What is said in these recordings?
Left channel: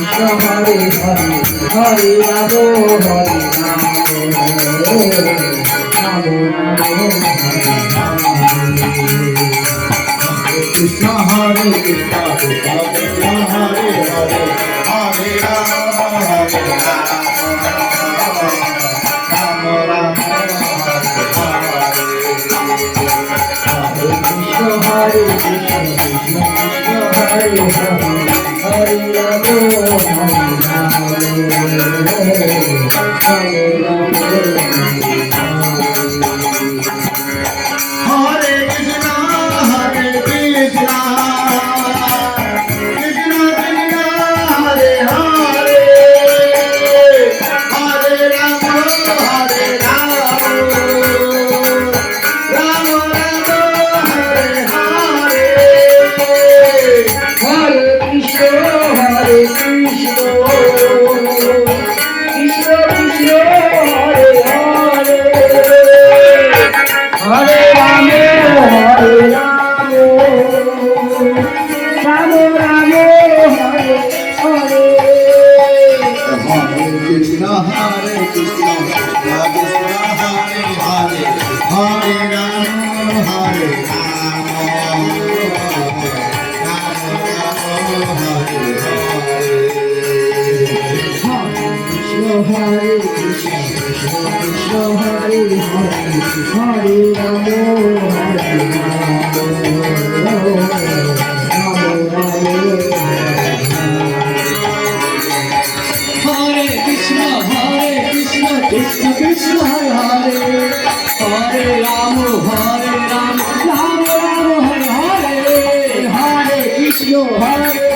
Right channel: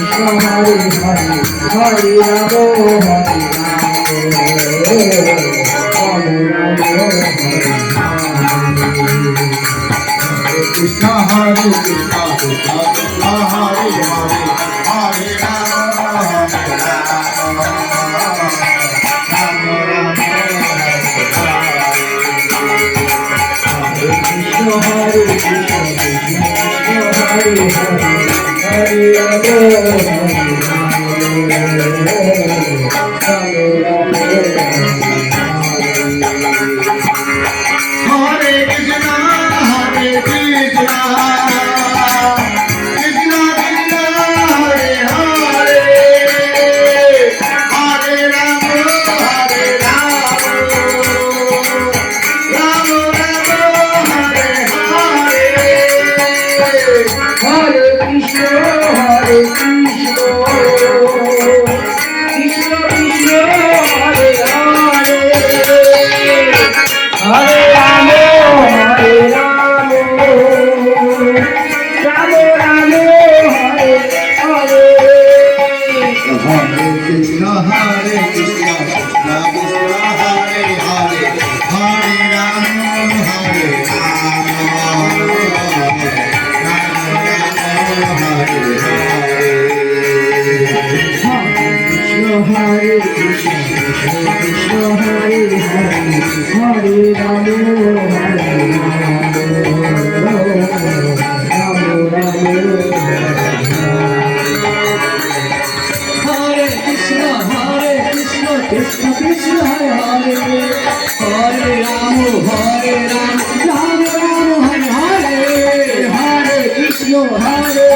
Krishna Hare Hare Ram Hare Ram Ram Ram Hare Hare Hare Krishna, Hare Krishna, Hare Krishna, Hare Krishna, Krishna Krishna, Hare Hare, Hare Rama, Hare Krishna, Hare Krishna, Krishna Krishna, Hare Hare, Hare Rama, Hare Rama, Rama Rama, Hare Hare. Hare Krishna, Hare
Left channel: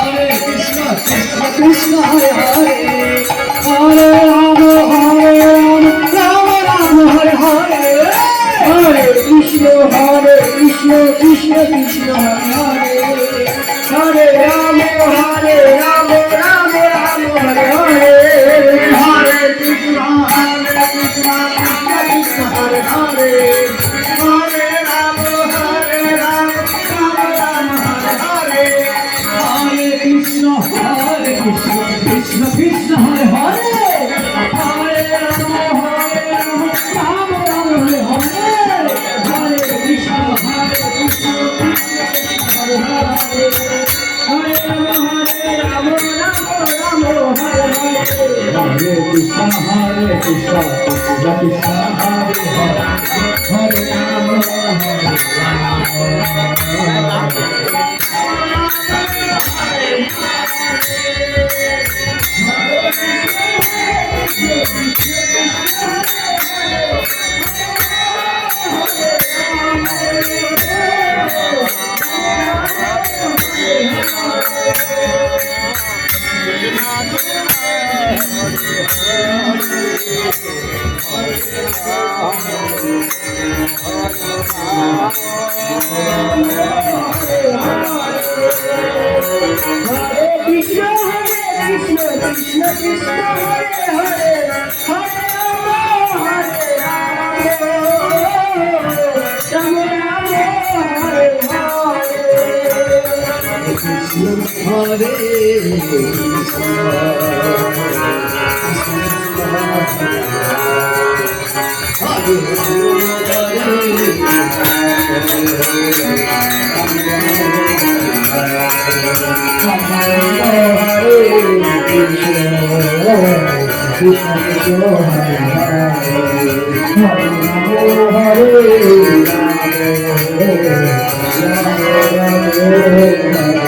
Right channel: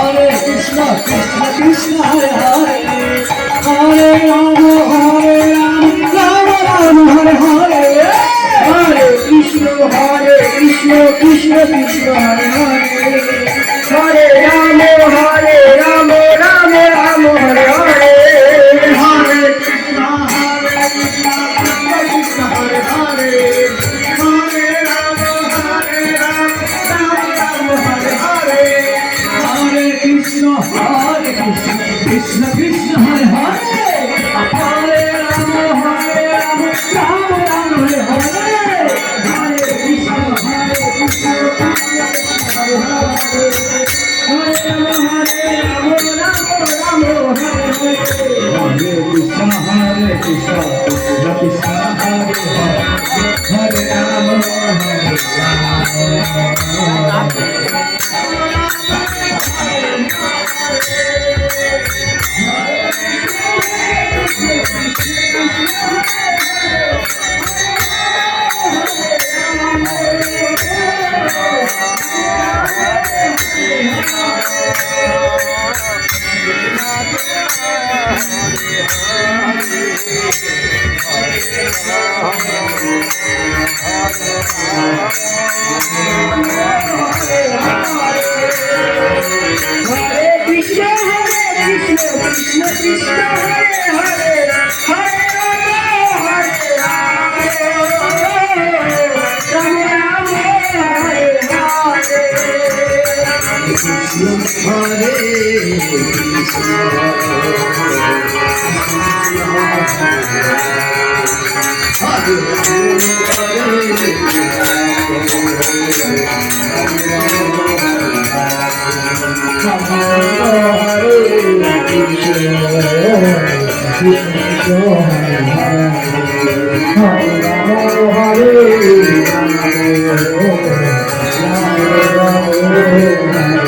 Krishna, Krishna Krishna, Hare Hare, Hare Rama, Hare Rama, Rama Rama, Hare Hare, Hare Krishna, Krishna Krishna, Hare Hare, Hare Rama, Hare Rama, Rama Rama, Hare Hare, Hare Krishna, Krishna Krishna, Hare Hare, Hare Rama, Hare Rama, Rama Rama, Hare Hare. Krishna, Krishna Krishna, Hare Hare, Hare Rama, Rama Rama, Hare Hare, Hare Krishna, Krishna Hare Hare, Hare Rama, Rama Rama, Hare Hare, Hare Krishna, Krishna Krishna, Hare Hare, Hare Rama, Hare Hare Ram Ram